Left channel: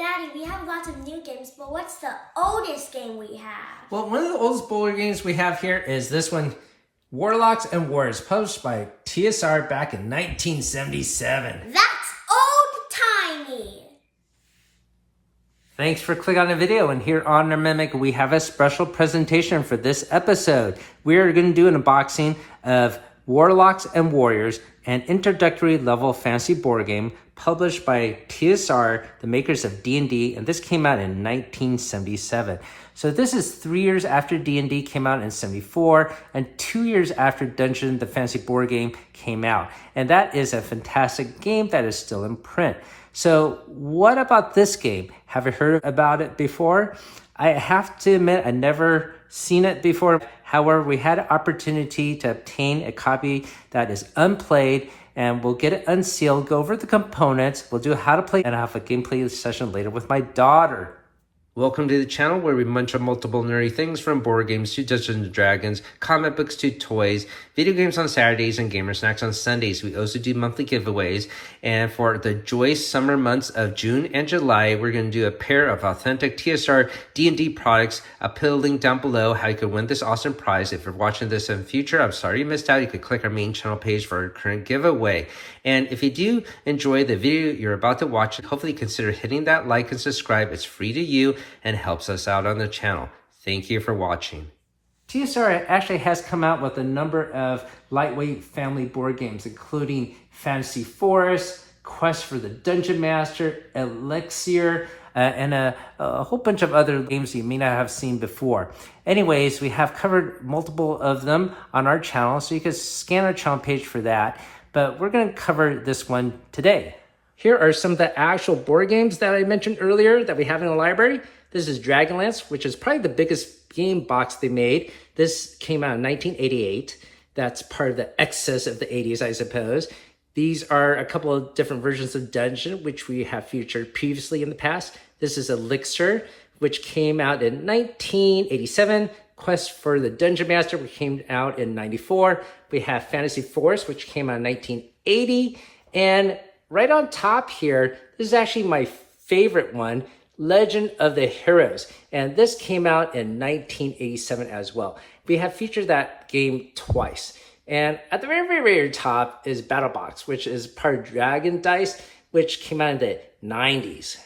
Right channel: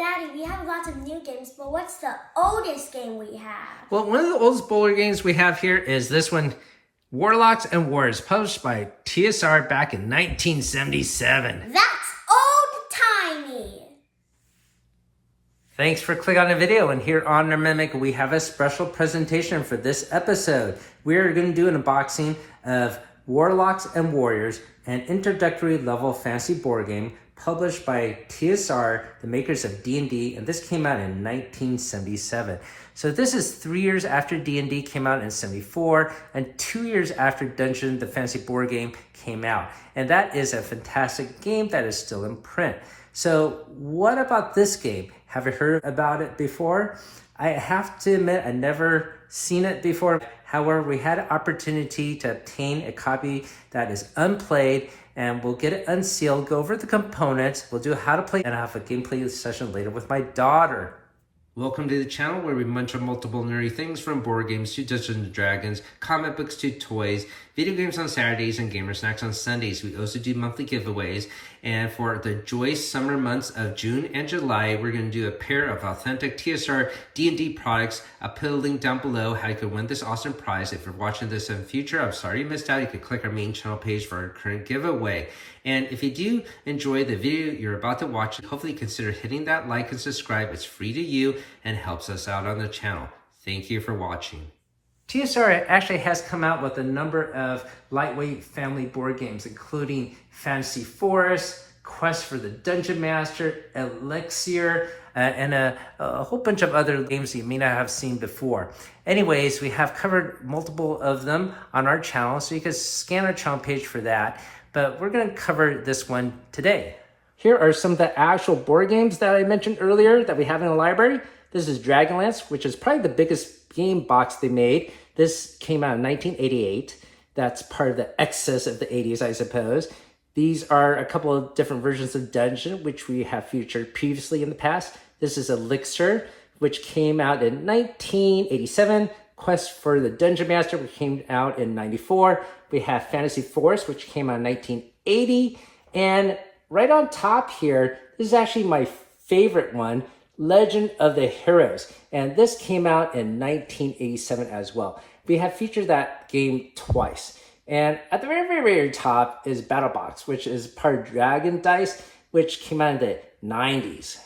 Daddy, we have lots of new games, but what's the oldest game we have? Well, one of the oldest bowler games we have here is this one, Warlocks and Warriors, published by TSR back in 1977. That's old-timey! Thanks for clicking on the video, and here on our Mimic, we have a special presentation for this episode. We're going to do an unboxing of Warlocks and Warriors, an introductory level fantasy board game published by TSR, the makers of D&D, and this came out in 1977. So this is 3 years after D&D came out in 74 and 2 years after Dungeon, the fantasy board game, came out. And that is a fantastic game that is still in print. So what about this game? Have you heard about it before? I have to admit, I never seen it before. However, we had an opportunity to obtain a copy that is unplayed, and we'll get it unsealed, go over the components, we'll do how to play, and I'll have a gameplay session later with my daughter. Welcome to the channel where we munch on multiple nerdy things, from board games to Dungeons & Dragons, comic books to toys, video games on Saturdays, and gamer snacks on Sundays. We also do monthly giveaways, and for the joyous summer months of June and July, we're going to do a pair of authentic TSR D&D products. I'll put a link down below how you could win this awesome prize. If you're watching this in the future, I'm sorry you missed out. You could click our main channel page for our current giveaway. And if you do enjoy the video you're about to watch, hopefully consider hitting that like and subscribe. It's free to you and helps us out on the channel. Thank you for watching. TSR actually has come out with a number of lightweight family board games, including Fantasy Forest, Quest for the Dungeon Master, Elixir, and a whole bunch of other games you may not have seen before. Anyways, we have covered multiple of them on our channel, so you can scan our channel page for that. But we're going to cover this one today. Here are some of the actual board games that I mentioned earlier that we have in the library. This is Dragonlance, which is probably the biggest game box they made. This came out in 1988. That's part of the excess of the 80s, I suppose. These are a couple of different versions of Dungeon, which we have featured previously in the past. This is Elixir, which came out in 1987. Quest for the Dungeon Master, which came out in 94. We have Fantasy Forest, which came out in 1980. And right on top here, this is actually my favorite one, Legend of the Heroes. And this came out in 1987 as well. We have featured that game twice. And at the very, very, very top is BattleBox, which is part of Dragon Dice, which came out in the 90s.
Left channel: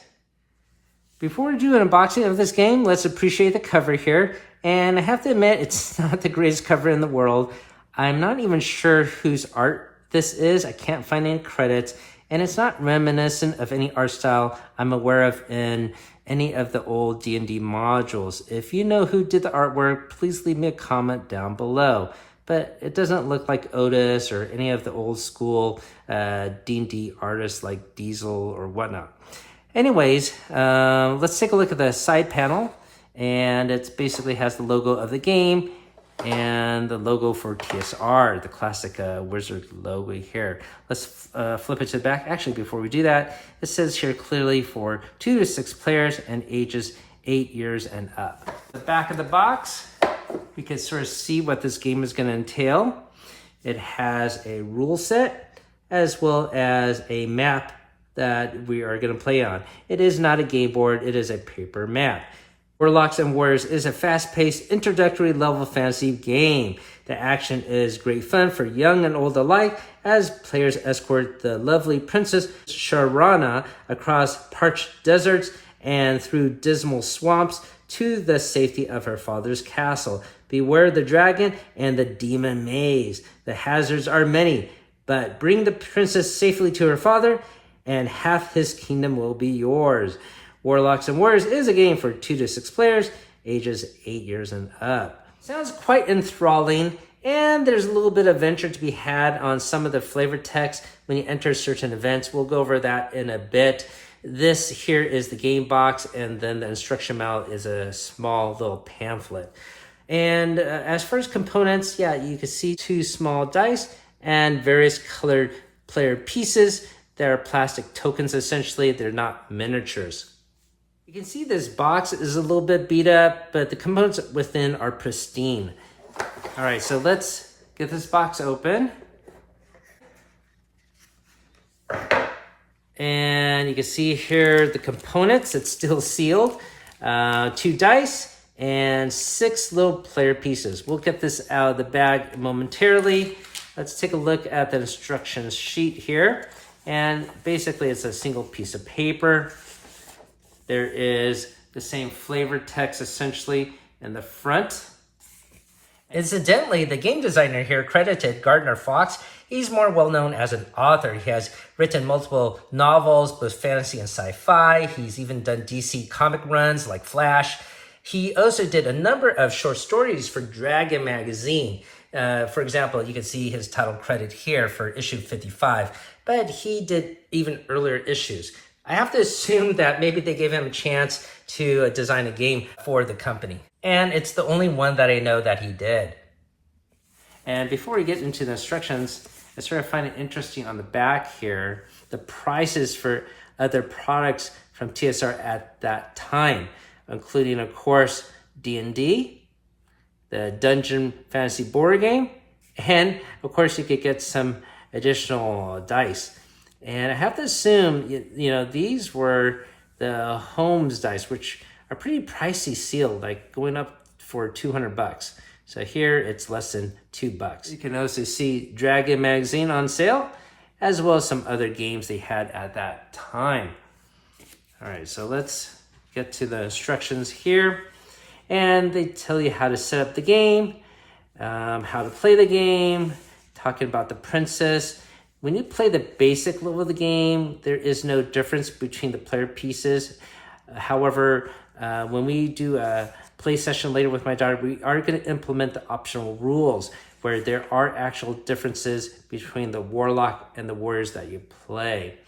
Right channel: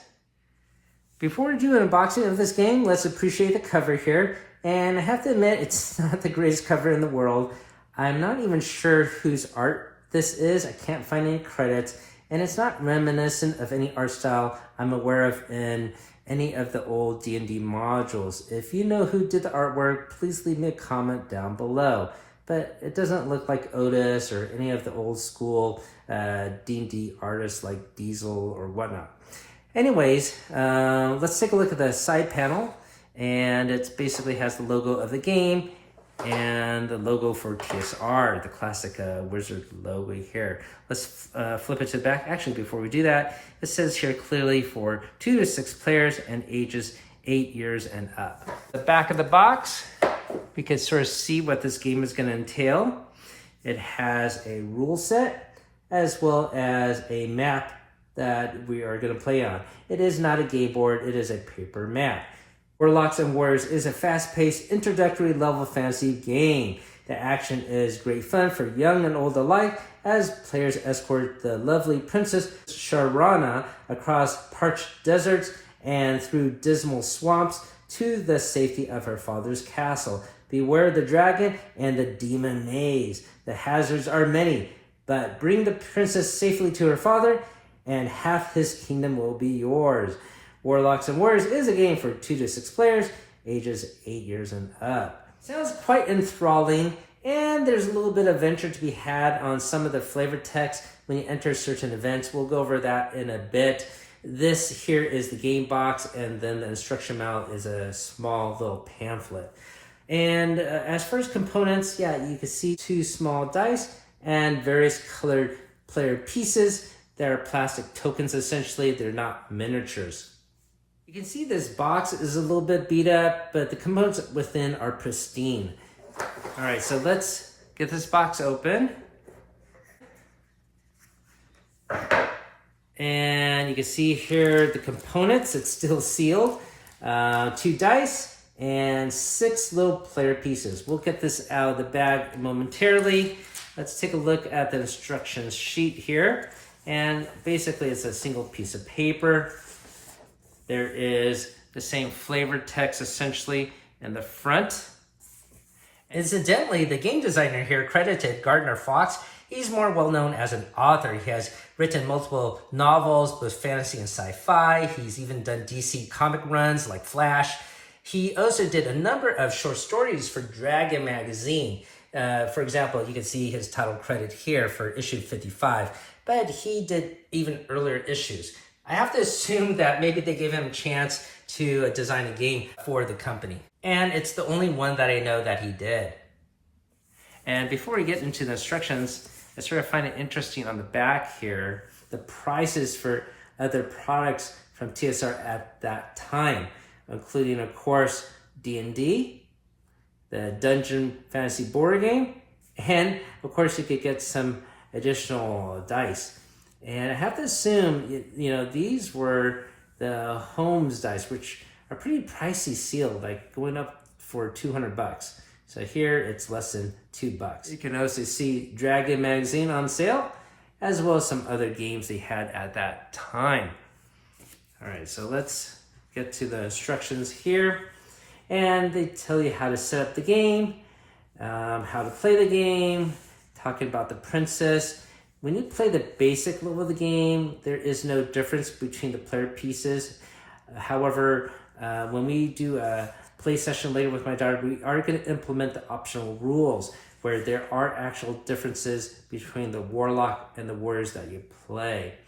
Before we do an unboxing of this game, let's appreciate the cover here. And I have to admit, it's not the greatest cover in the world. I'm not even sure whose art this is. I can't find any credits. And it's not reminiscent of any art style I'm aware of in any of the old D&D modules. If you know who did the artwork, please leave me a comment down below. But it doesn't look like Otis or any of the old school D&D artists like Diesel or whatnot. Anyways, let's take a look at the side panel. And it basically has the logo of the game and the logo for TSR, the classic wizard logo here. Let's flip it to the back. Actually, before we do that, it says here clearly for 2 to 6 players and ages 8 years and up. The back of the box, we can sort of see what this game is going to entail. It has a rule set as well as a map that we are going to play on. It is not a game board, it is a paper map. Warlocks and Warriors is a fast-paced introductory level fantasy game. The action is great fun for young and old alike as players escort the lovely Princess Sharana across parched deserts and through dismal swamps to the safety of her father's castle. Beware the dragon and the demon maze. The hazards are many, but bring the princess safely to her father and half his kingdom will be yours. Warlocks and Warriors is a game for 2 to 6 players, ages 8 years and up. Sounds quite enthralling, and there's a little bit of adventure to be had on some of the flavor text when you enter certain events. We'll go over that in a bit. This here is the game box, and then the instruction manual is a small little pamphlet. And as far as components, yeah, you can see 2 small dice and various colored player pieces. They're plastic tokens, essentially. They're not miniatures. You can see this box is a little bit beat up, but the components within are pristine. All right, so let's get this box open. And And you can see here the components, it's still sealed. 2 dice and 6 little player pieces. We'll get this out of the bag momentarily. Let's take a look at the instructions sheet here. And basically it's a single piece of paper. There is the same flavor text essentially in the front. Incidentally, the game designer here credited Gardner Fox. He's more well known as an author. He has written multiple novels, both fantasy and sci-fi. He's even done DC comic runs like Flash. He also did a number of short stories for Dragon magazine. For example, you can see his title credit here for issue 55, but he did even earlier issues. I have to assume that maybe they gave him a chance to design a game for the company. And it's the only one that I know that he did. And before we get into the instructions, I sort of find it interesting on the back here, the prices for other products from TSR at that time, including, of course, D&D, the Dungeon Fantasy board game, and, of course, you could get some additional dice. And I have to assume, you know, these were the Holmes dice, which are pretty pricey sealed, like going up for $200. So here it's less than $2. You can also see Dragon magazine on sale, as well as some other games they had at that time. All right, so let's get to the instructions here. And they tell you how to set up the game, how to play the game, talking about the princess. When you play the basic level of the game, there is no difference between the player pieces. However, when we do a play session later with my daughter, we are going to implement the optional rules where there are actual differences between the warlock and the warriors that you play.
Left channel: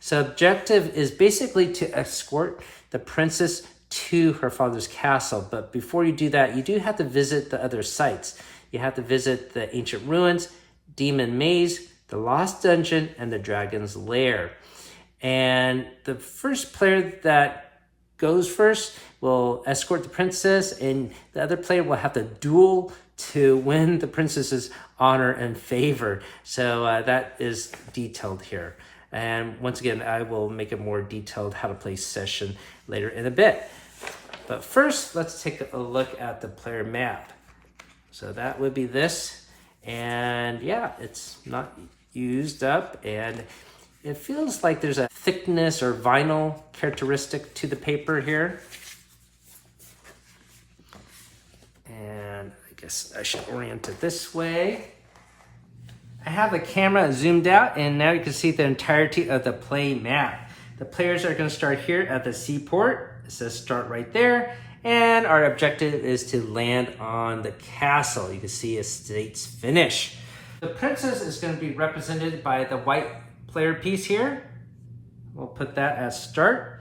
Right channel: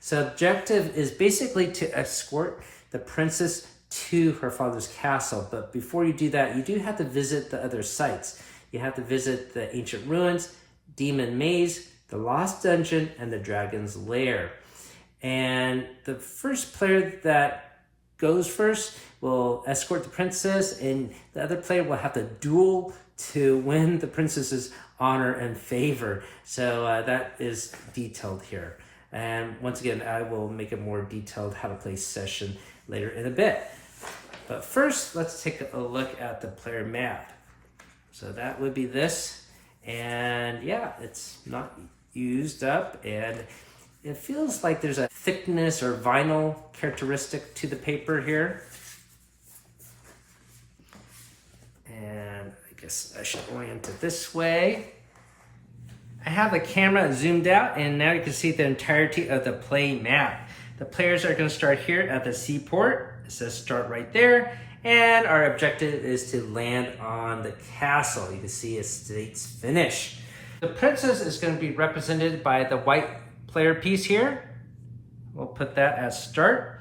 So objective is basically to escort the princess to her father's castle. But before you do that, you do have to visit the other sites. You have to visit the ancient ruins, Demon Maze, the Lost Dungeon, and the Dragon's Lair. And the first player that goes first will escort the princess, and the other player will have to duel to win the princess's honor and favor. So that is detailed here. And once again, I will make a more detailed how to play session later in a bit. But first, let's take a look at the player map. So that would be this. And yeah, it's not used up, and it feels like there's a thickness or vinyl characteristic to the paper here. And I guess I should orient it this way. I have the camera zoomed out, and now you can see the entirety of the play map. The players are going to start here at the seaport. It says start right there. And our objective is to land on the castle. You can see it states finish. The princess is going to be represented by the white player piece here. We'll put that as start.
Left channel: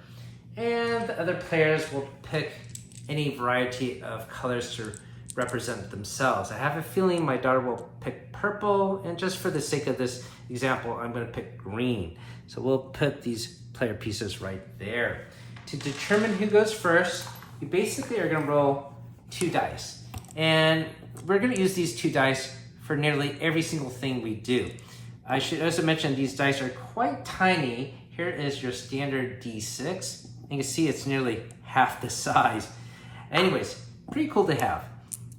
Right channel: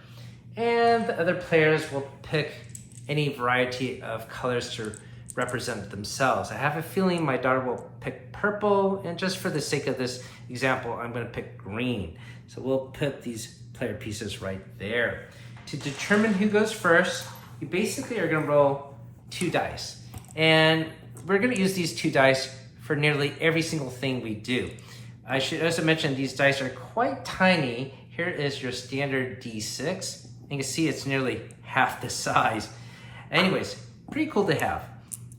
And the other players will pick any variety of colors to represent themselves. I have a feeling my daughter will pick purple, and just for the sake of this example, I'm going to pick green. So we'll put these player pieces right there. To determine who goes first, you basically are going to roll 2 dice. And we're going to use these 2 dice for nearly every single thing we do. I should also mention these dice are quite tiny. Here is your standard D6. You can see it's nearly half the size. Anyways, pretty cool to have.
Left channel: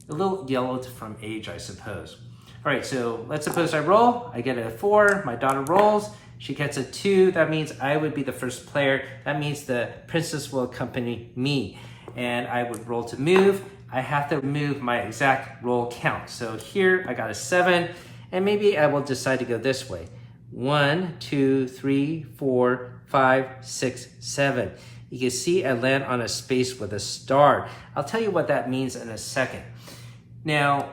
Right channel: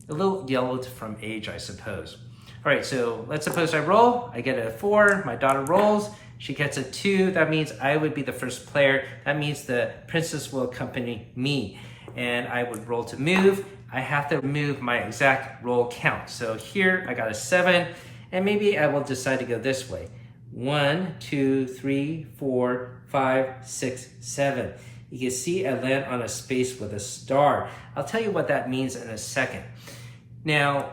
A little yellowed from age, I suppose. All right, so let's suppose I roll. I get a 4, my daughter rolls. She gets a 2, that means I would be the first player. That means the princess will accompany me. And I would roll to move. I have to move my exact roll count. So here I got a 7, and maybe I will decide to go this way. 1, 2, 3, 4, 5, 6, 7. You can see I land on a space with a star. I'll tell you what that means in a second. Now,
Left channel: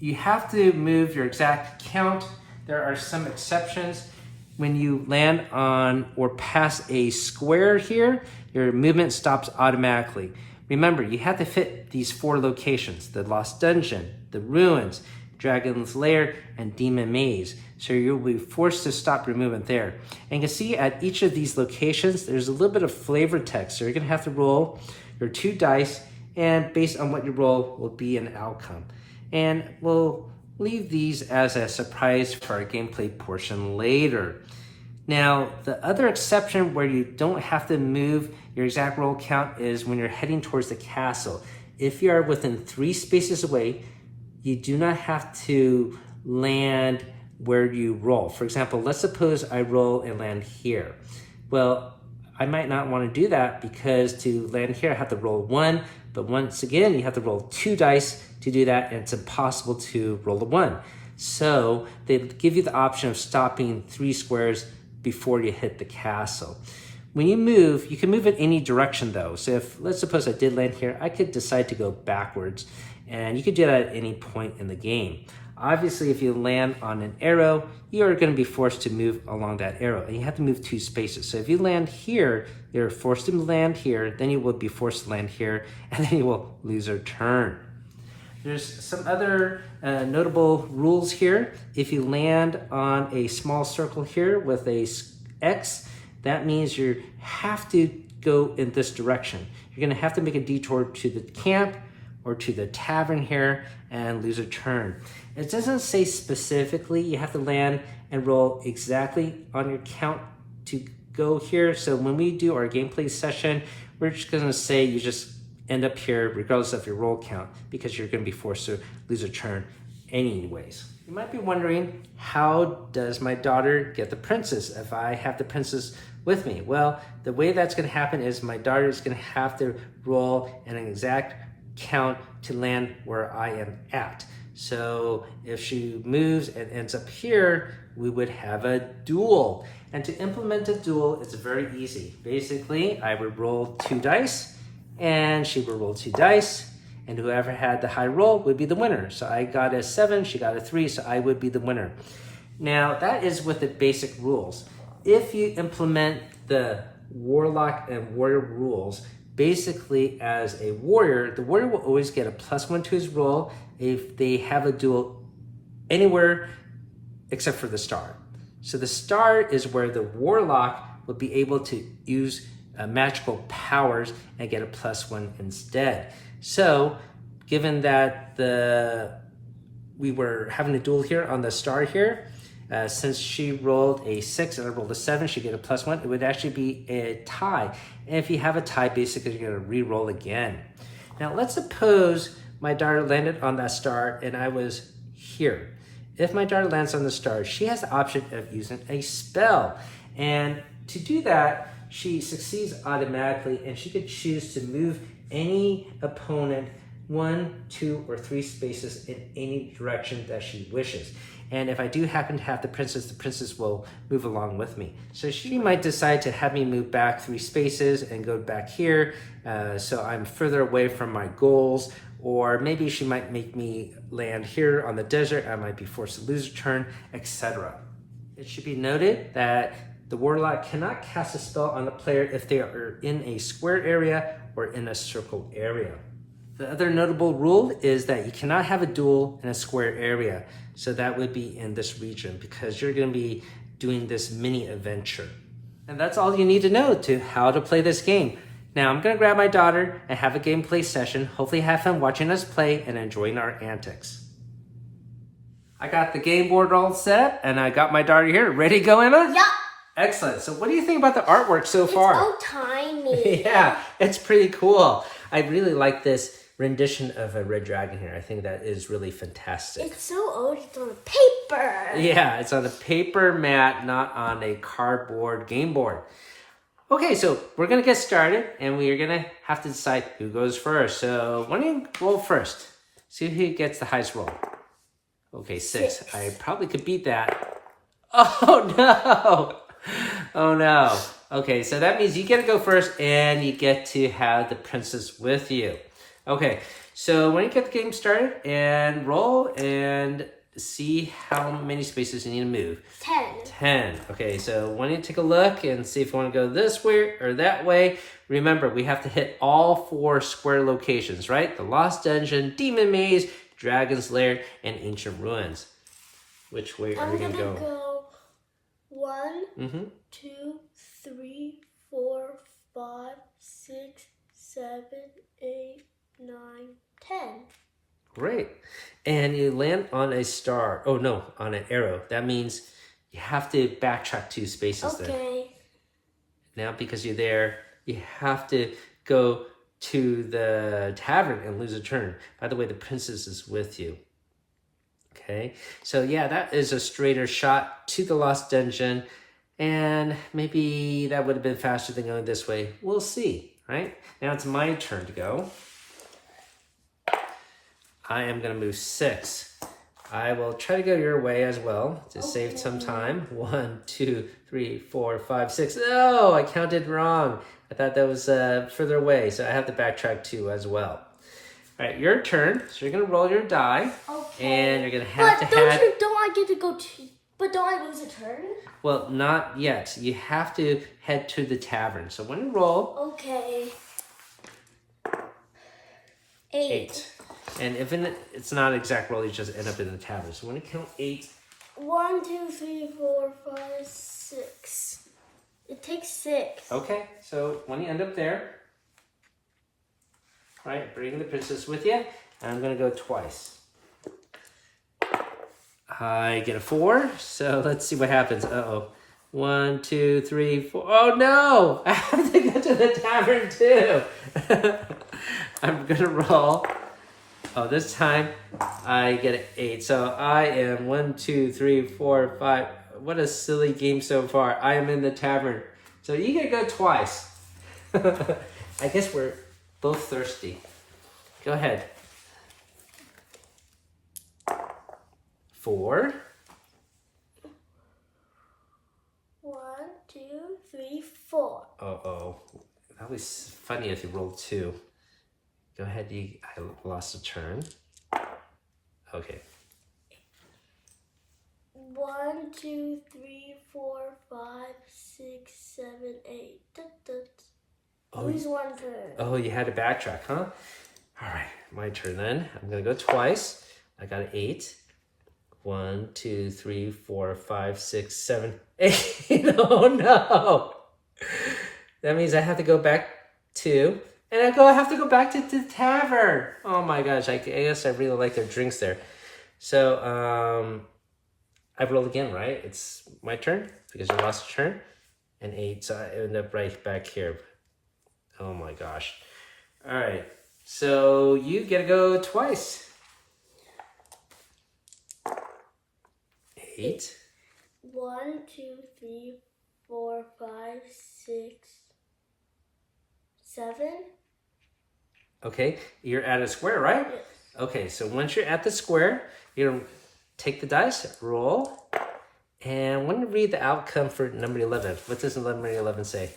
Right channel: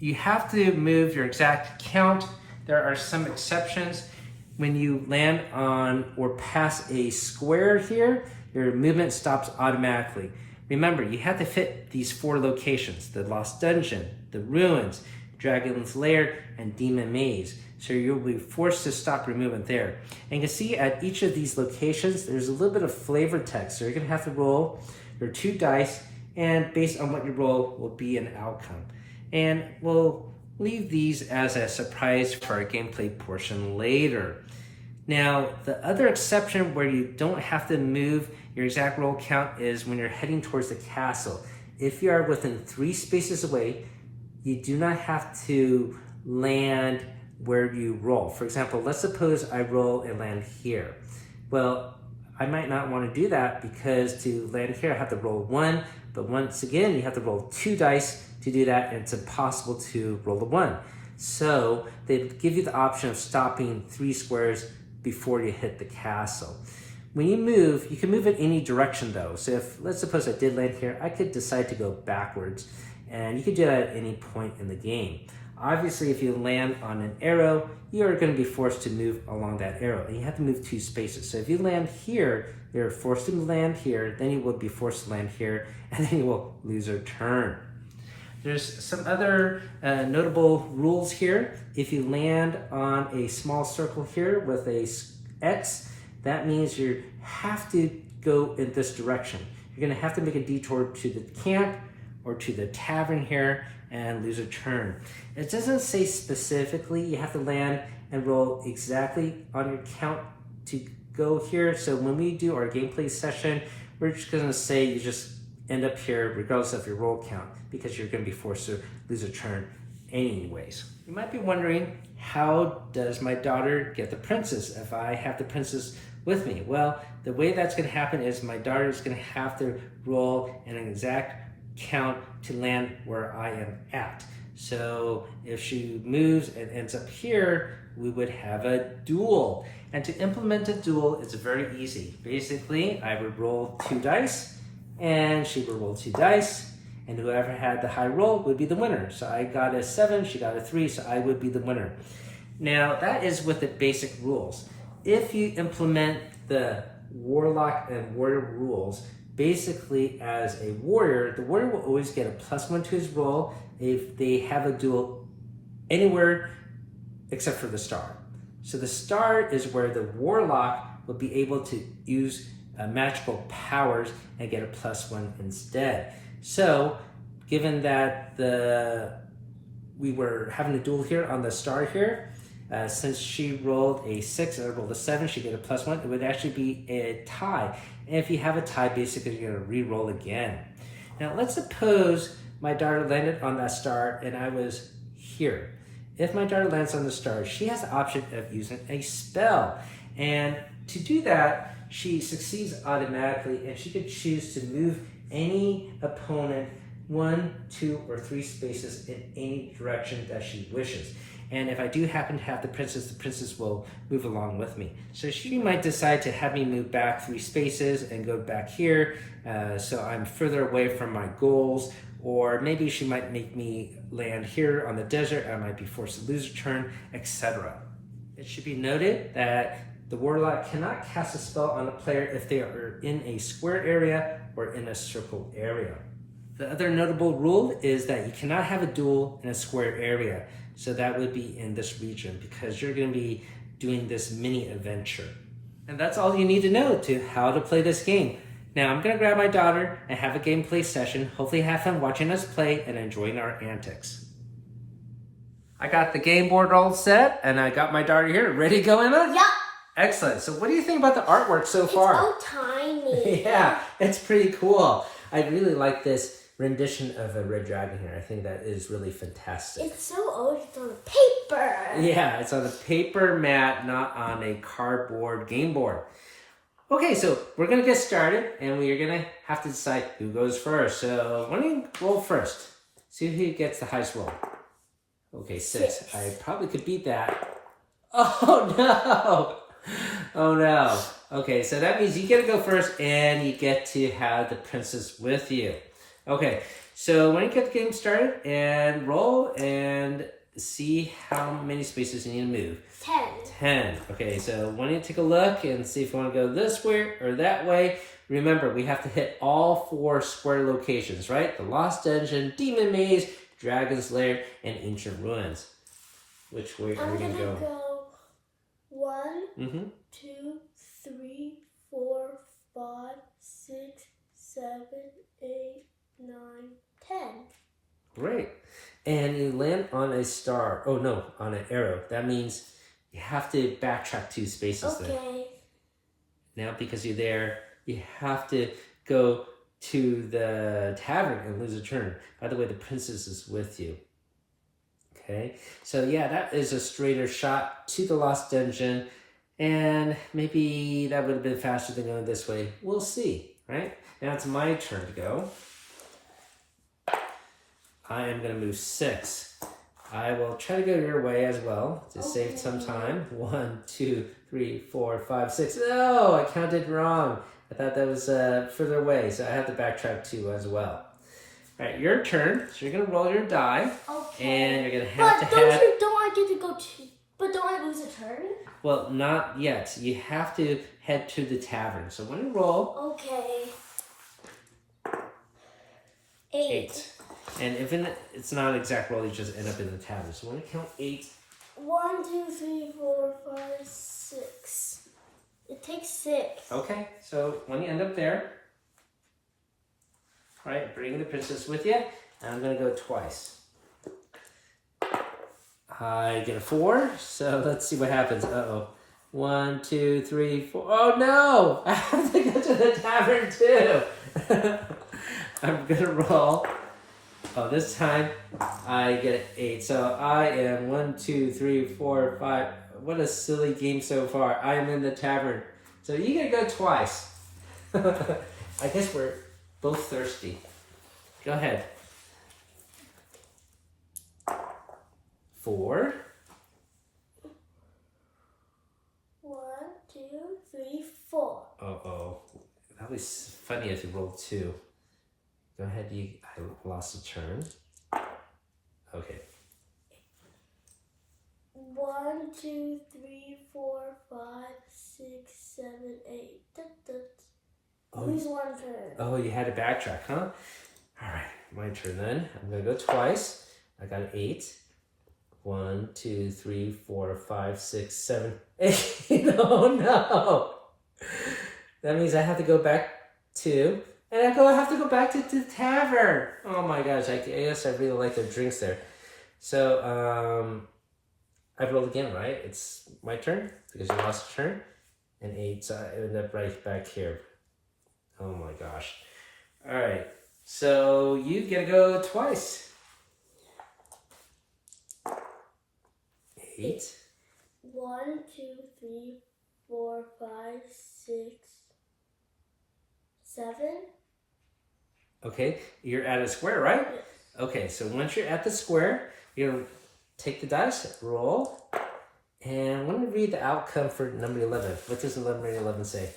you have to move your exact count. There are some exceptions. When you land on or pass a square here, your movement stops automatically. Remember, you have to fit these 4 locations: the Lost Dungeon, the Ruins, Dragon's Lair, and Demon Maze. So you'll be forced to stop your movement there. And you can see at each of these locations, there's a little bit of flavor text. So you're gonna have to roll your 2 dice, and based on what you roll will be an outcome. And we'll leave these as a surprise for our gameplay portion later. Now, the other exception where you don't have to move your exact roll count is when you're heading towards the castle. If you are within 3 spaces away, you do not have to land where you roll. For example, let's suppose I roll and land here. Well, I might not want to do that because to land here, I have to roll 1. But once again, you have to roll 2 dice to do that, and it's impossible to roll a 1. So they give you the option of stopping 3 squares before you hit the castle. When you move, you can move in any direction though. So if, let's suppose I did land here, I could decide to go backwards, and you could do that at any point in the game. Obviously, if you land on an arrow, you are going to be forced to move along that arrow, and you have to move 2 spaces. So if you land here, you're forced to land here, then you will be forced to land here, and then you will lose your turn. There's some other notable rules here. If you land on a small circle here with a X, that means you have to go in this direction. You're going to have to make a detour to the camp or to the tavern here and lose a turn. It doesn't say specifically you have to land and roll exactly on your count to go here. So when we do our gameplay session, we're just going to say you just end up here regardless of your roll count because you're going to be forced to lose a turn anyways. You might be wondering, how does my daughter get the princess if I have the princess with me? Well, the way that's going to happen is my daughter is going to have to roll an exact count to land where I am at. So if she moves and ends up here, we would have a duel. And to implement a duel, it's very easy. Basically, I would roll 2 dice, and she would roll 2 dice, and whoever had the high roll would be the winner. So I got a 7, she got a 3, so I would be the winner. Now, that is with the basic rules. If you implement the Warlock and Warrior rules, basically as a warrior, the warrior will always get a +1 to his roll if they have a duel anywhere except for the star. So the star is where the warlock will be able to use magical powers and get a +1 instead. So given that we were having a duel here on the star here, since she rolled a 6 and I rolled a 7, she get a +1, it would actually be a tie. And if you have a tie, basically you're gonna re-roll again. Now let's suppose my daughter landed on that star and I was here. If my daughter lands on the star, she has the option of using a spell. And to do that, she succeeds automatically and she could choose to move any opponent 1, 2, or 3 spaces in any direction that she wishes. And if I do happen to have the princess will move along with me. So she might decide to have me move back 3 spaces and go back here, so I'm further away from my goals. Or maybe she might make me land here on the desert. I might be forced to lose a turn, etc. It should be noted that the warlock cannot cast a spell on a player if they are in a square area or in a circle area. The other notable rule is that you cannot have a duel in a square area. So that would be in this region because you're going to be doing this mini adventure. And that's all you need to know to how to play this game. Now I'm going to grab my daughter and have a gameplay session. Hopefully have fun watching us play and enjoying our antics. I got the game board all set and I got my daughter here. Ready to go, Emma? Yup. Excellent. So what do you think about the artwork so far? It's so tiny. Yeah, it's pretty cool. I really like this rendition of a red dragon here. I think that is really fantastic. It's so old, it's on paper. Yeah, it's on a paper mat, not on a cardboard game board. Okay, so we're going to get started, and we're going to have to decide who goes first. So why don't you roll first? See who gets the highest roll. Okay, 6. I probably could beat that. Oh, no. Oh, no. Okay, so that means you get to go first, and you get to have the princess with you. Okay, so when you get the game started, and roll, and see how many spaces you need to move. 10. Okay, so why don't you take a look and see if you want to go this way or that way. Remember, we have to hit all 4 square locations, right? The Lost Dungeon, Demon Maze, Dragon's Lair, and Ancient Ruins. Which way are we going to go? I'm going to go 1, 2, 3, 4, 5, 6, 7, 8, 9, 10. Great. And you land on a star. Oh, no, on an arrow. That means you have to backtrack 2 spaces there. Okay. Now, because you're there, you have to go to the tavern and lose a turn. By the way, the princess is with you. Okay, so yeah, that is a straighter shot to the Lost Dungeon, and maybe that would have been faster than going this way. We'll see, right? Now it's my turn to go. I am going to move 6. I will try to go your way as well to save some time. 1, 2, 3, 4, 5, 6. Oh, I counted wrong. I thought that was further away, so I have to backtrack 2 as well. All right, your turn. So you're gonna roll your die, and you're gonna have but to don't I get to go to? But don't I lose a turn? Well, not yet. You have to head to the tavern. So when you roll, Okay. 8. And if it's not an exact roll, you just end up in the tavern. So when you count 8. 1, 2, 3, 4, 5, 6. It takes 6. Okay, so when you end up there, all right, bring the princess with you, and I'm gonna go twice. I get a 4, so let's see what happens. Uh-oh. 1, 2, 3, 4. Oh no! I have to go to the tavern too. I'm gonna roll. Oh, this time I get an 8. So I am 1, 2, 3, 4, 5. What a silly game so far. I am in the tavern. So you gotta go twice. I guess we're both thirsty. Go ahead. 4. 1, 2, 3, 4. Uh-oh. That was funny if you rolled 2. Go ahead, I lost a turn. Okay. 1, 2, 3, 4, 5, 6, 7, 8. Lose 1 turn. Oh, you had to backtrack, huh? All right, my turn then. I'm gonna go twice. I got an 8. 1, 2, 3, 4, 5, 6, 7, 8. Oh no! That means I have to go back 2. And I have to go back to the tavern. Oh my gosh, I guess I really like their drinks there. So, I've rolled again, right? It's my turn because you lost a turn. And 8, so I end up right back here. Oh my gosh. All right, so you get to go twice. 8. 1, 2, 3, 4, 5, 6, 7. Okay, you're at a square, right? Yes. Okay, so once you're at the square, you're take the dice, roll, and I want to read the outcome for number 11. What does number 11 say?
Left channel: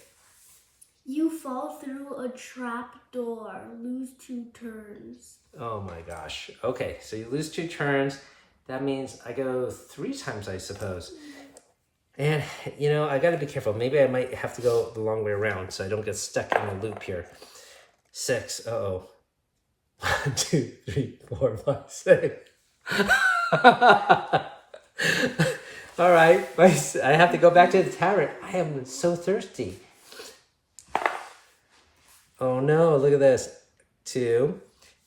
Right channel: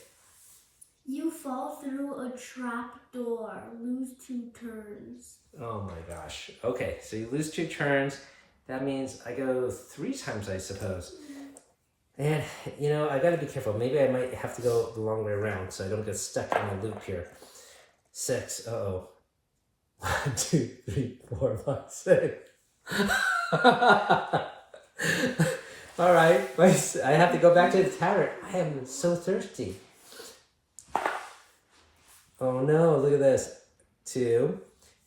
You fall through a trap door. Lose 2 turns. Oh my gosh. Okay, so you lose 2 turns. That means I go 3 times, I suppose. And, you know, I got to be careful. Maybe I might have to go the long way around so I don't get stuck in a loop here. 6. Uh-oh. 1, 2, 3, 4, 5, 6. All right. I have to go back to the tavern. I am so thirsty. Oh, no. Look at this. 2.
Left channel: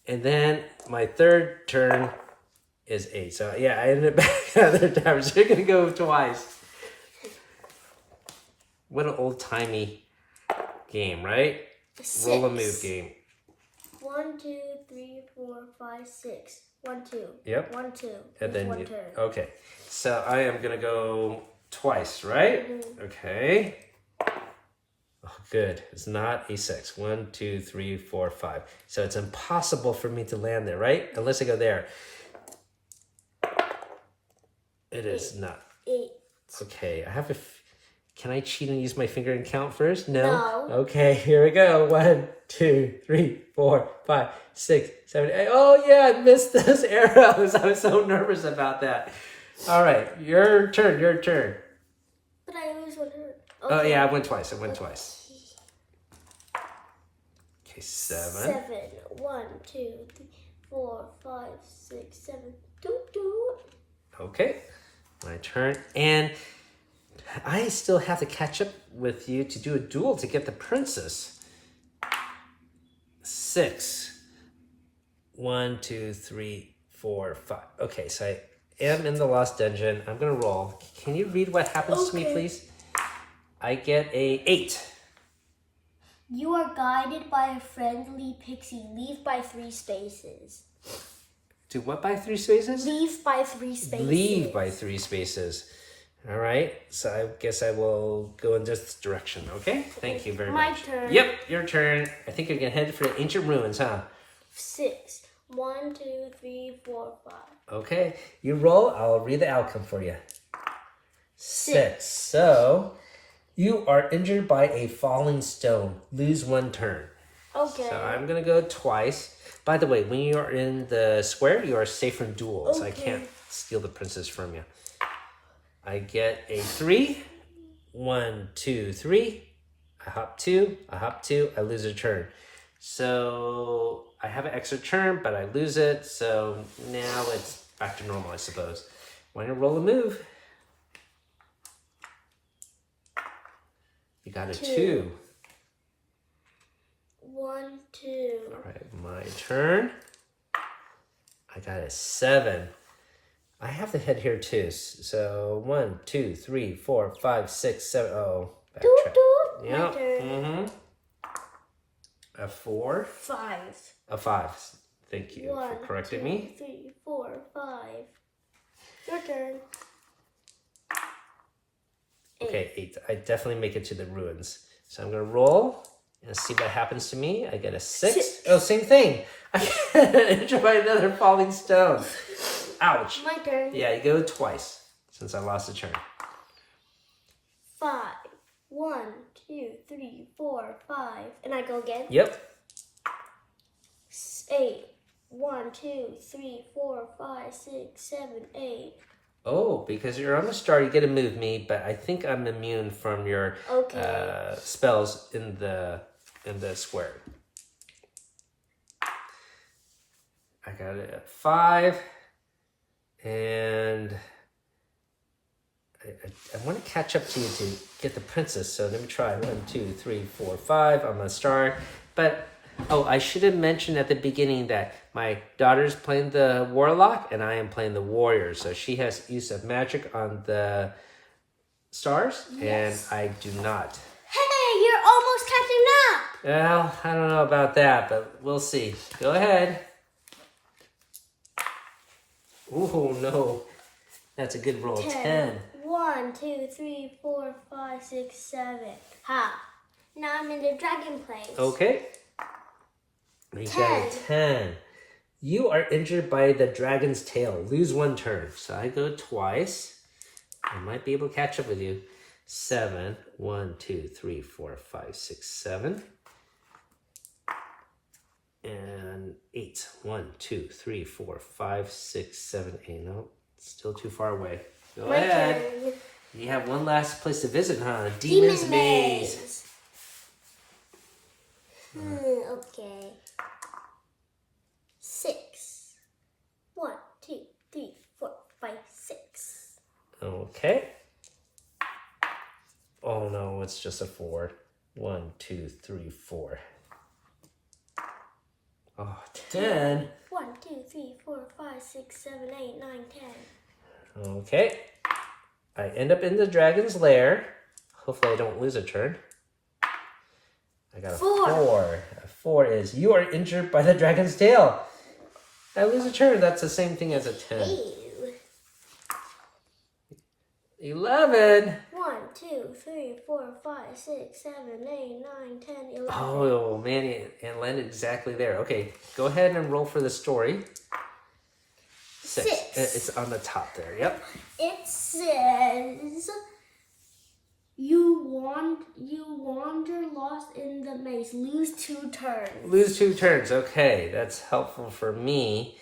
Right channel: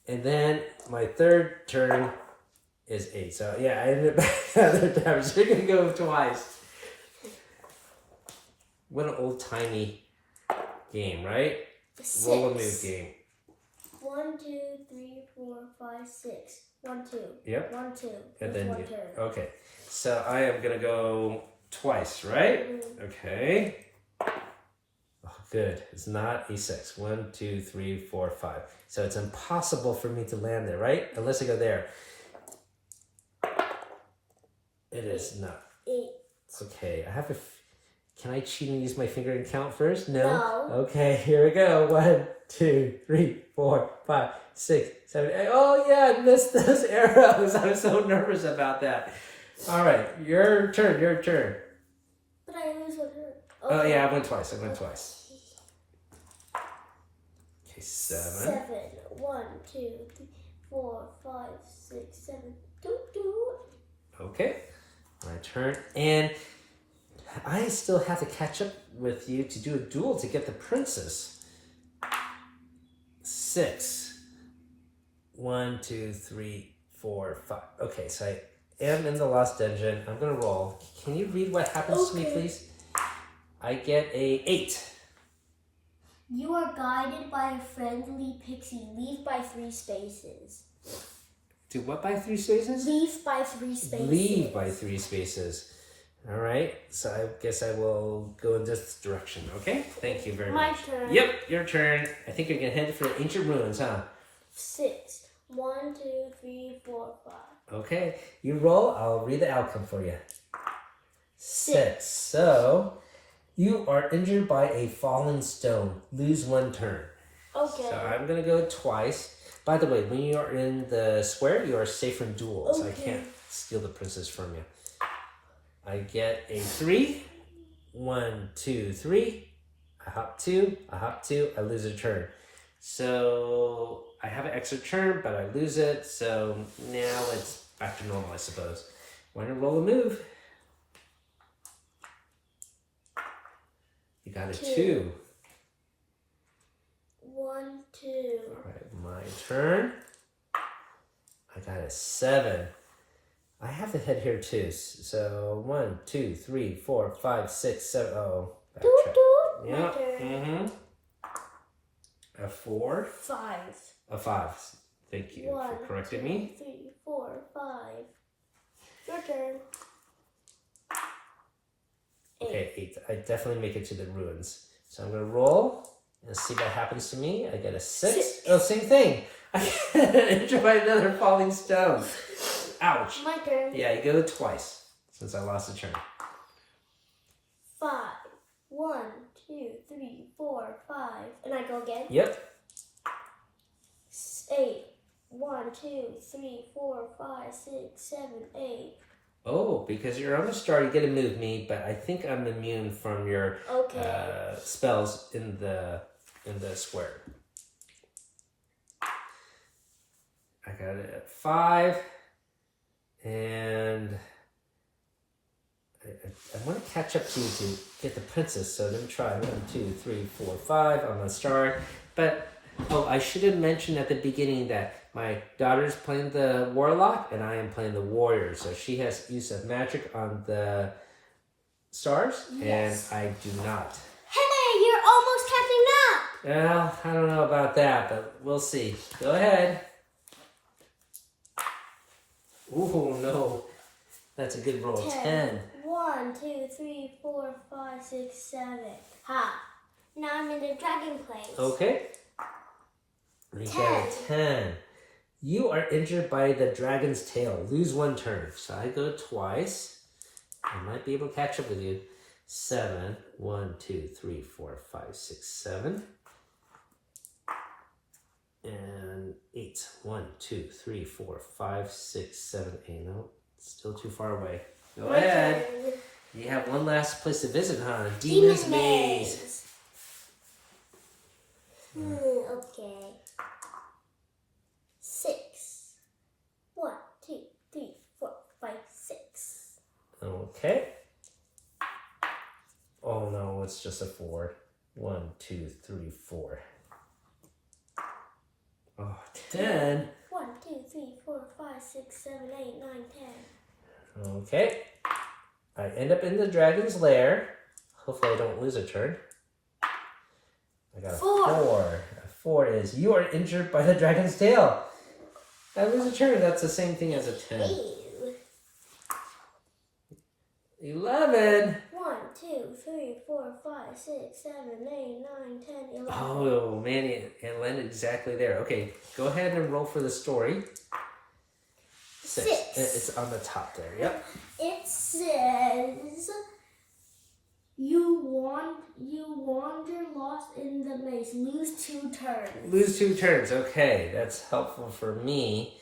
And then my third turn is 8. So, yeah, I ended up back at the tavern. So you're going to go twice. What an old-timey game, right? 6. Roll a move game. 1, 2, 3, 4, 5, 6. 1, 2. Yep. 1, 2. And then 1 turn. Okay. So I am gonna go twice, right? Okay. Oh, good. It's not a 6. 1, 2, 3, 4, 5. So it's impossible for me to land there, right? Unless I go there. It is not. 8. Okay. I have a. Can I cheat and use my finger and count first? No. No. Okay. Here we go. 1, 2, 3, 4, 5, 6, 7, 8. Oh yeah, I missed those arrows. I was so nervous about that. All right, your turn. Your turn. But I lose 1 turn. Okay. Oh yeah, I went twice. Okay, 7. 7. 1, 2, 3, 4, 5, 6, 7. Doo doo. Okay, my turn. And I still have to catch up with you to do a duel to get the princess. 6. 1, 2, 3, 4, 5. Okay, so I am in the Lost Dungeon. I'm going to roll. Can you read what happens to me, please? I get a 8. You are guided by a friendly pixie. Leave by 3 spaces. Do what by 3 spaces? Leave by 3 spaces. Leave by 3 spaces. All right. So I guess I will go in this direction. Okay. Thank you very much. My turn. Yep, your turn. I think you're gonna head for the ancient ruins, huh? 6. 1, 2, 3, 4, 5. Okay. You roll. I'll read the outcome for you. 6. So you are injured by a falling stone. Lose 1 turn. Okay. So I'm gonna go twice. By the way, when you are in the square, you are safe from duels. I can't steal the princess from you. I get a 3. 1, 2, 3. I hop 2. I hop 2. I lose a turn. So I have an extra turn, but I lose it. So now it's back to normal, I suppose. Want to roll a move? You got a 2. 1, 2. All right, my turn. I got a 7. I have the head here too. So 1, 2, 3, 4, 5, 6, 7. Oh, backtrack. Yeah. A 4. 5. A 5. Thank you for correcting me. 1, 2, 3, 4, 5. Your turn. 8. Okay, 8. I definitely make it to the ruins. So I'm gonna roll and see what happens to me. I get a 6. Oh, same thing. I get injured by another falling stone. Ouch. My turn. Yeah, you go twice since I lost a turn. 5. 1, 2, 3, 4, 5. And I go again? Yep. 8. 1, 2, 3, 4, 5, 6, 7, 8. Oh, because you're on the star, you get to move me, but I think I'm immune from your spells in the square. I got it at 5, and I want to catch up to you to get the princess. So let me try 1, 2, 3, 4, 5 on the star. But I should have mentioned at the beginning that my daughter's playing the Warlock and I am playing the Warrior. So she has use of magic on the stars, and I do not. Hey, you're almost catching up. Well, I don't know about that, but we'll see. Go ahead. Ooh, no. That's a good roll. 10. 1, 2, 3, 4, 5, 6, 7. Ha. Now I'm in the dragon place. Okay. We got a 10. You are injured by the dragon's tail. Lose 1 turn. So I go twice. I might be able to catch up with you. 7. 1, 2, 3, 4, 5, 6, 7. And 8. 1, 2, 3, 4, 5, 6, 7, 8. No, still too far away. Go ahead. You have one last place to visit, huh? The Demon's Maze. Okay. 6. 1, 2, 3, 4, 5, 6. Okay. Oh no, it's just a 4. 1, 2, 3, 4. Oh, 10. 1, 2, 3, 4, 5, 6, 7, 8, 9, 10. Okay. I end up in the dragon's lair. Hopefully I don't lose a turn. I got a 4. A 4 is you are injured by the dragon's tail. I lose a turn. That's the same thing as a 10. Ew. 11. 1, 2, 3, 4, 5, 6, 7, 8, 9, 10, 11. Oh, man, it landed exactly there. Okay, go ahead and roll for the story. 6. It's on the top there, yep. It says, you wander lost in the maze. Lose 2 turns. Lose 2 turns. Okay, that's helpful for me.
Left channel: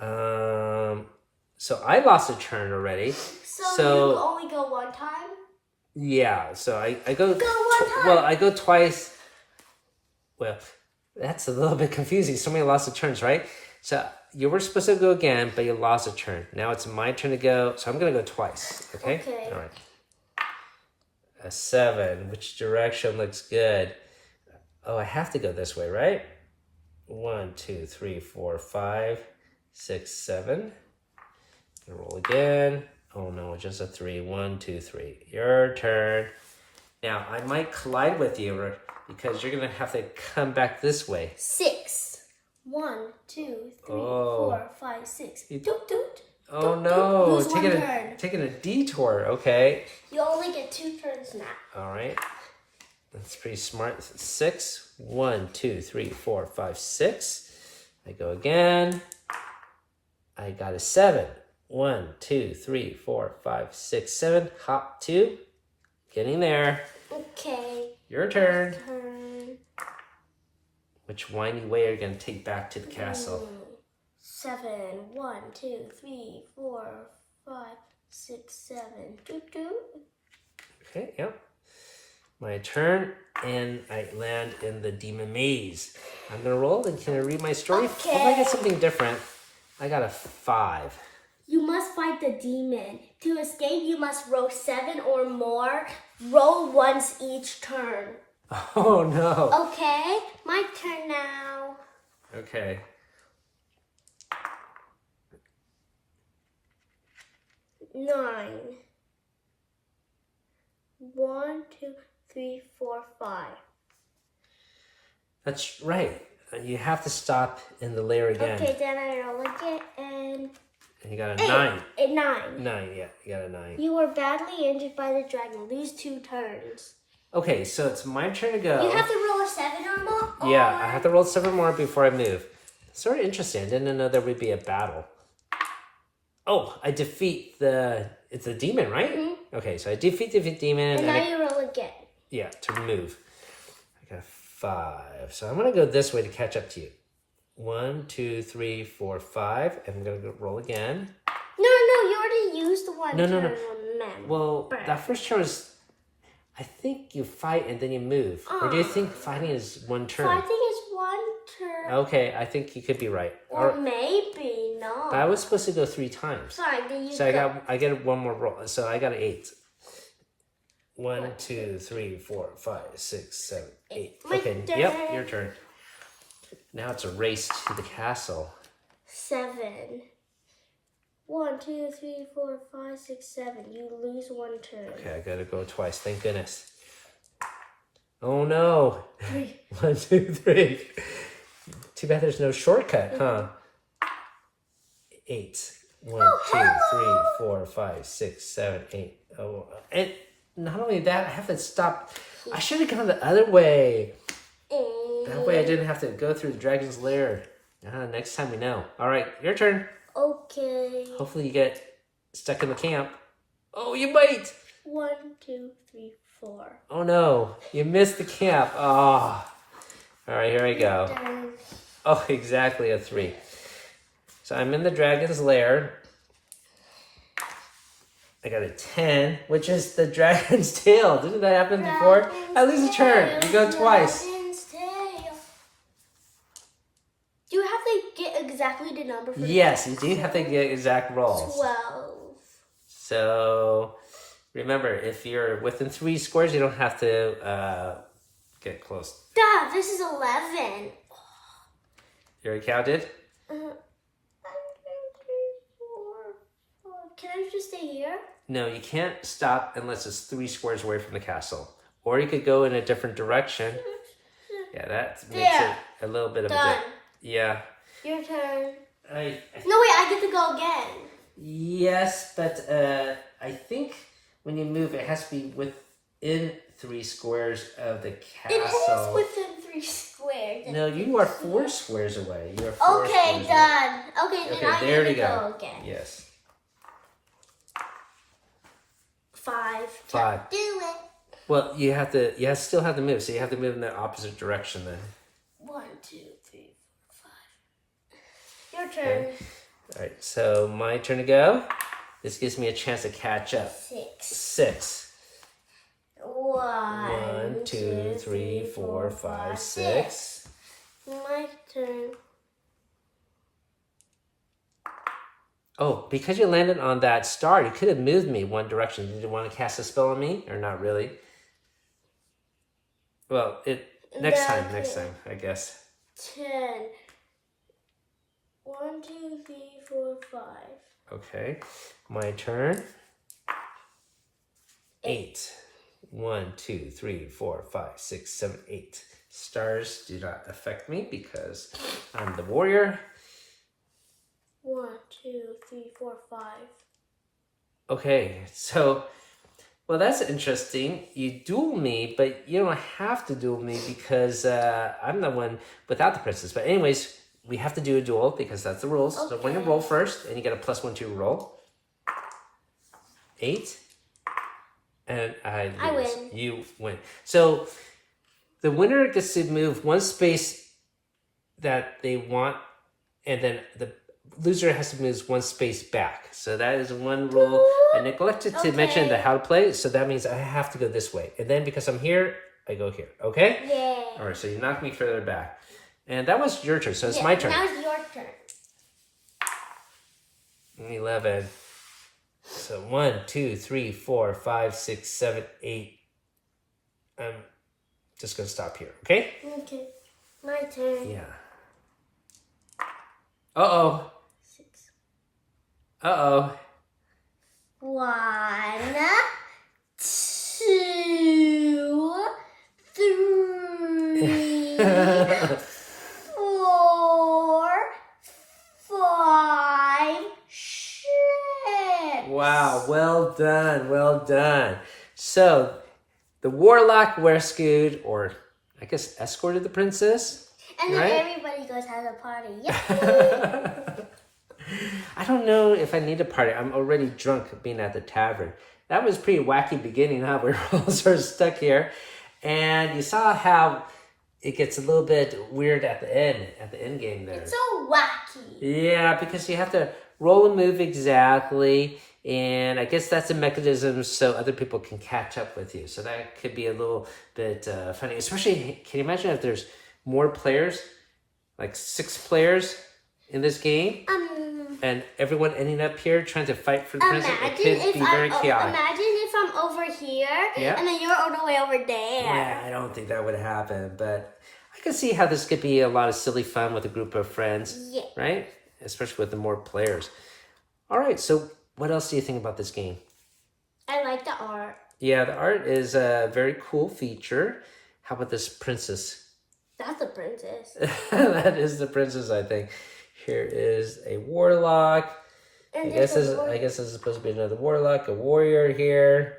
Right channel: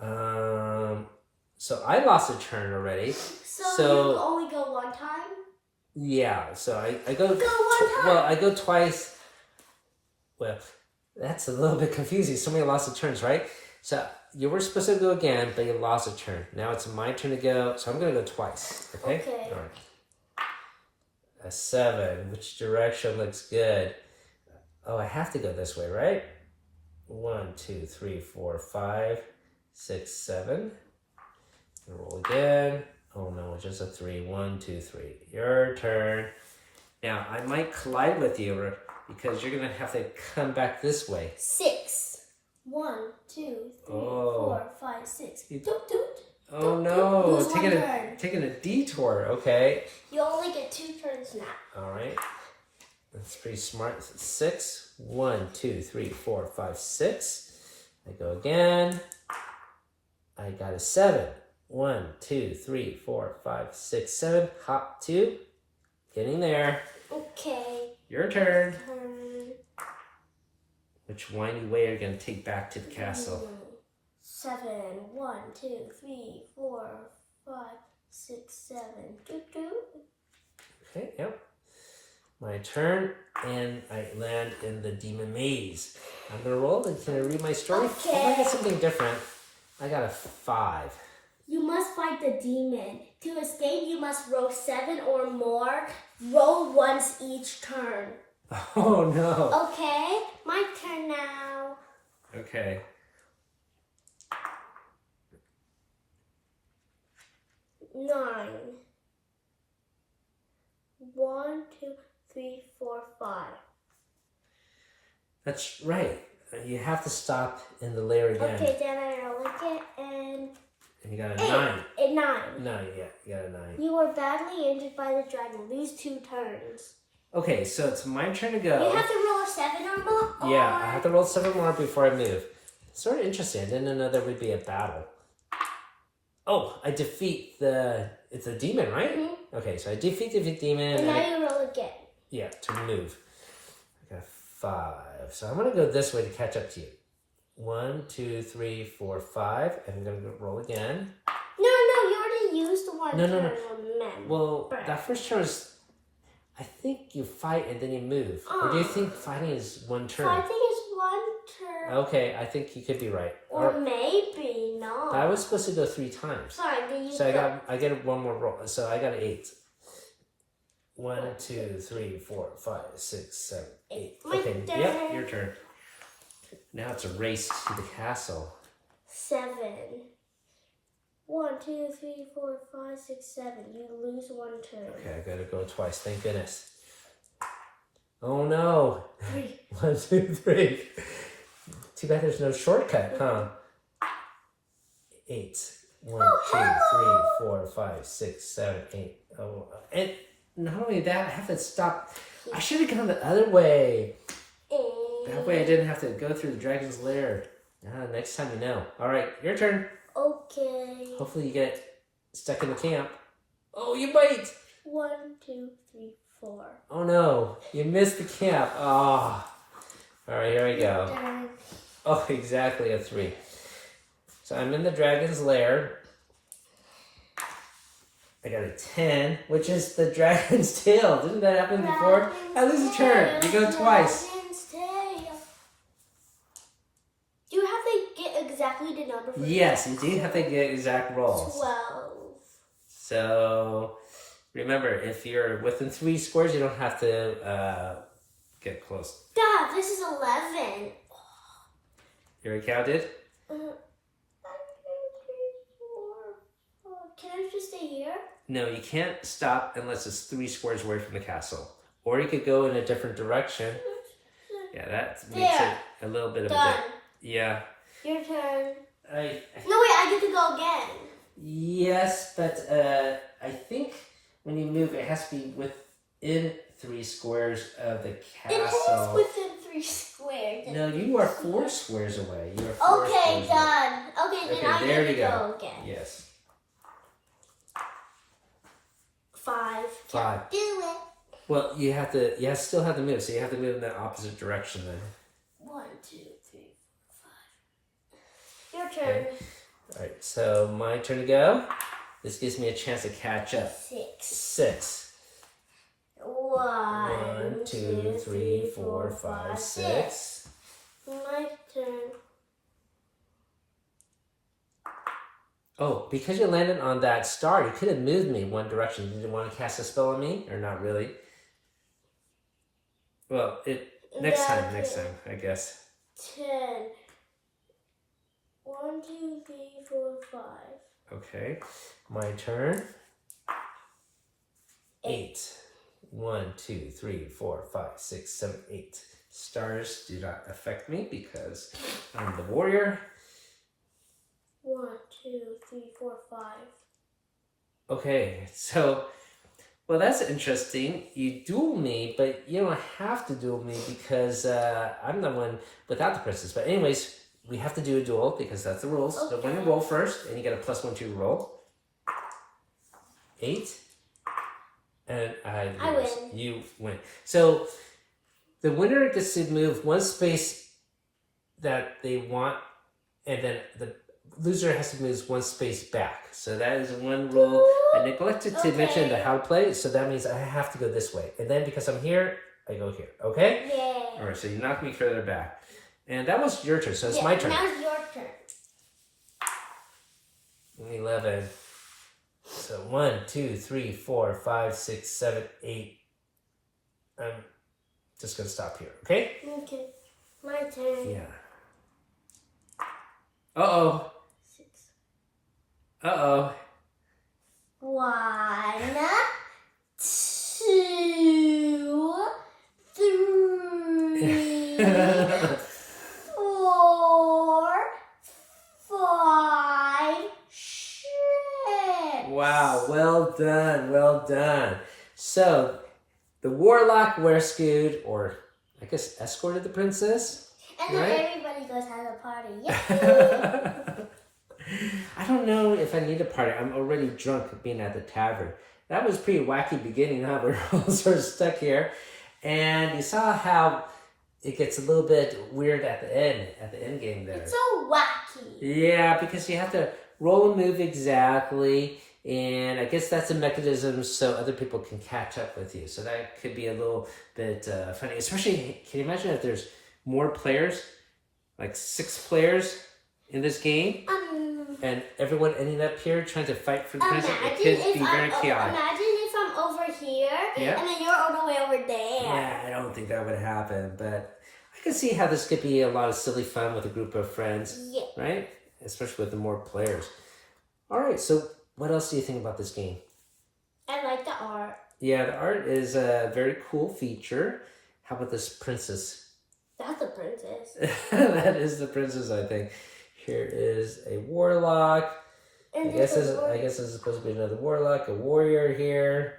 So I lost a turn already. So you only go 1 time? Yeah, so I go... Go 1 time. Well, I go twice. Well, that's a little bit confusing. So many lost of turns, right? So you were supposed to go again, but you lost a turn. Now it's my turn to go, so I'm going to go twice. Okay? All right. A 7. Which direction looks good? Oh, I have to go this way, right? 1, 2, 3, 4, 5, 6, 7. Roll again. Oh no, just a 3. 1, 2, 3. Your turn. Now, I might collide with you because you're going to have to come back this way. 6. 1, 2, 3, Oh. 4, 5, 6. Doot, doot. Oh Doot, no, doot. Lose one turn. taking a detour. Okay. You only get 2 turns now. All right. That's pretty smart. 6. 1, 2, 3, 4, 5, 6. I go again. I got a 7. 1, 2, 3, 4, 5, 6, 7. Hop 2. Getting there. Okay. Your turn. Turn. Which windy way are you going to take back to the castle? 7. 1, 2, 3, 4, 5, 6, 7. Doot, doot. Okay, yep. My turn, and I land in the demon maze. I'm going to roll, and can I read my story? Okay. Oh, I got something different. I got a 5. You must fight the demon. To escape, you must roll 7 or more. Roll once each turn. Oh, no. Okay, my turn now. Okay. 9. 1, 2, 3, 4, 5. That's right. You have to stop in the lair again. Okay, then I roll again and And you got a 9. A 9. 9, yeah. You got a 9. You were badly injured by the dragon. Lose 2 turns. Okay, so it's my turn to go. You have to roll a 7 or more? Yeah, I have to roll 7 more before I move. Sort of interesting. I didn't know there would be a battle. Oh, I defeat it's a demon, right? Mm-hmm. Okay, so I defeat the demon. And now you roll again. Yeah, to move. I got a 5. So I'm going to go this way to catch up to you. 1, 2, 3, 4, 5. And I'm going to roll again. No, you already used the one No. turn. Well, that first turn was... I think you fight and then you move. Or do you think fighting is one turn? Fighting is 1 turn. Okay, I think you could be right. Or maybe not. But I was supposed to go 3 times. Fine, then you So go. I get one more roll. So I got an 8. 1, 2, 3, 4, 5, 6, 7, 8. My Okay, turn. yep, your turn. Now it's a race to the castle. 7. 1, 2, 3, 4, 5, 6, 7. You lose 1 turn. Okay, I gotta go twice. Thank goodness. Oh no. 3. 1, 2, 3. Too bad there's no shortcut, huh? 8. 1, 2, 3, 4, 5, 6, 7, 8. Oh, and not only that, I have to stop. I should have gone the other way. That way I didn't have to go through the dragon's lair. Next time you know. All right, your turn. Okay. Hopefully you get stuck in the camp. Oh, you might. 1, 2, 3, 4. Oh no, you missed the camp. Oh. All right, here we go. Oh, exactly a 3. So I'm in the dragon's lair. I got a 10, which is the dragon's tail. Didn't that happen before? I lose a turn. You go twice. Dragon's tail. Do you have to get exactly the number for Yes, you do have to get exact rolls. 12. So remember, if you're within 3 squares, you don't have to get close. Dad, this is 11. You already counted? 1, 2, 3, 4, 5. Can I just stay here? No, you can't stop unless it's 3 squares away from the castle. Or you could go in a different direction. Yeah, that makes it a little bit of a bit. Yeah. Your turn. No, wait, I get to go again. Yes, but I think when you move, it has to be within 3 squares of the castle. It is within 3 squares. No, you are 4 squares away. You are 4 Okay, squares done. Okay, away. then I Okay, there get we to go. go again. Yes. 5. 5. Do it. Well, you still have to move, so you have to move in the opposite direction then. 1, 2, 3, 4, 5. Your turn. Okay. All right, so my turn to go. This gives me a chance to catch up. 6. 6. 1, 2, 3, 4, 5, 6. My turn. Oh, because you landed on that star, you could have moved me one direction. Did you want to cast a spell on me, or not really? Well, next time, I guess. 10. 1, 2, 3, 4, 5. Okay, my turn. 8. 1, 2, 3, 4, 5, 6, 7, 8. Stars do not affect me because I'm the warrior. 1, 2, 3, 4, 5. Okay, so, well, that's interesting. You duel me, but you don't have to duel me because I'm the one without the princess. But anyways, we have to do a duel because that's the rules. Okay. So when you roll first, and you get a +1 to roll. 8. And I lose. win. You win. So the winner gets to move one space that they want, and then the loser has to move one space back. So that is one rule. I neglected to mention the how to play, so that means I have to go this way. And then because I'm here, I go here. Okay? Yeah. All right, so you knock me further back. And that was your turn, so it's my turn. Now it's your turn. 11. So 1, 2, 3, 4, 5, 6, 7, 8. I'm just going to stop here, okay? Okay. My turn. Yeah. Uh-oh. 6. Uh-oh. 1, 2, 3, 4, 5, 6. Wow, well done, well done. So, the warlock rescued, or I guess escorted the princess. And then right? everybody goes have a party. Yeah. I don't know if I need a party. I'm already drunk being at the tavern. That was a pretty wacky beginning, huh? We're all sort of stuck here. And you saw how it gets a little bit weird at the end game there. It's so wacky. Yeah, because you have to roll a move exactly. And I guess that's a mechanism so other people can catch up with you. So that could be a little bit funny. Especially, can you imagine if there's more players? Like 6 players in this game? And everyone ending up here trying to fight for the princess? It could be very chaotic. Imagine if I'm over here, and then you're all the way over there. Yeah, I don't think that would happen. But I can see how this could be a lot of silly fun with a group of friends. Yeah. Right? Especially with the more players. All right, so what else do you think about this game? I like the art. Yeah, the art is a very cool feature. How about this princess? That's the princess. That is the princess, I think. Here is a warlock. And I guess this is supposed to be another warlock, a warrior here.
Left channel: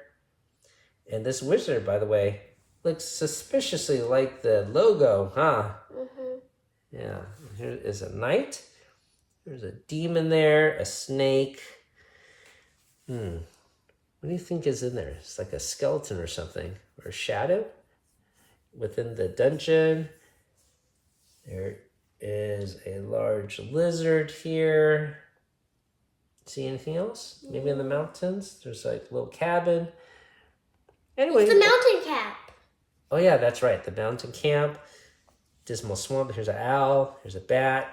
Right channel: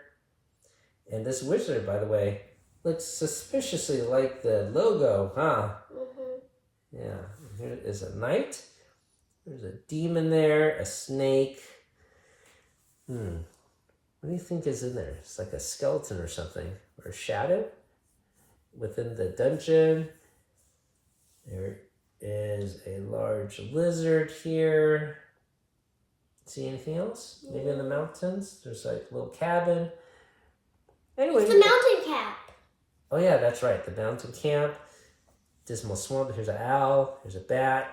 And this wizard, by the way, looks suspiciously like the logo, huh? Mm-hmm. Yeah. Here is a knight. There's a demon there, a snake. What do you think is in there? It's like a skeleton or something, or a shadow within the dungeon. There is a large lizard here. See anything else? Maybe in the mountains? There's like a little cabin. Anyway. It's a mountain cap. Oh yeah, that's right. The mountain camp. Dismal Swamp. Here's an owl. Here's a bat.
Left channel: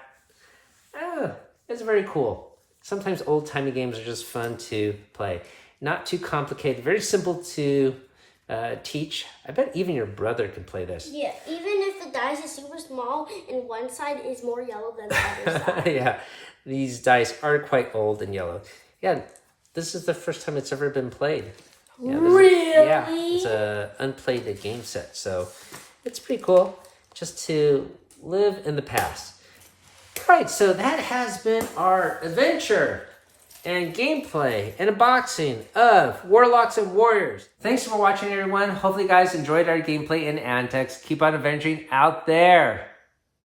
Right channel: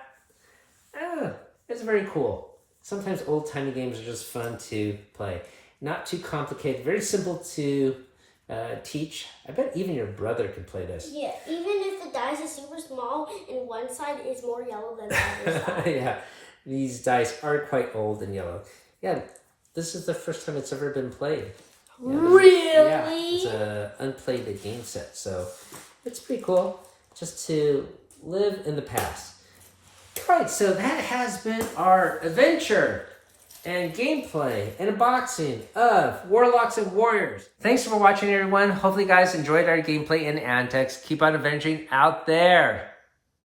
It's very cool. Sometimes old-timey games are just fun to play. Not too complicated. Very simple to teach. I bet even your brother can play this. Yeah, even if the dice is super small and one side is more yellow than the other side. Yeah, these dice are quite old and yellow. Yeah, this is the first time it's ever been played. Yeah, really? Yeah, it's an unplayed game set. So it's pretty cool just to live in the past. Right, so that has been our adventure and gameplay and unboxing of Warlocks and Warriors. Thanks for watching, everyone. Hopefully you guys enjoyed our gameplay and antics. Keep on adventuring out there.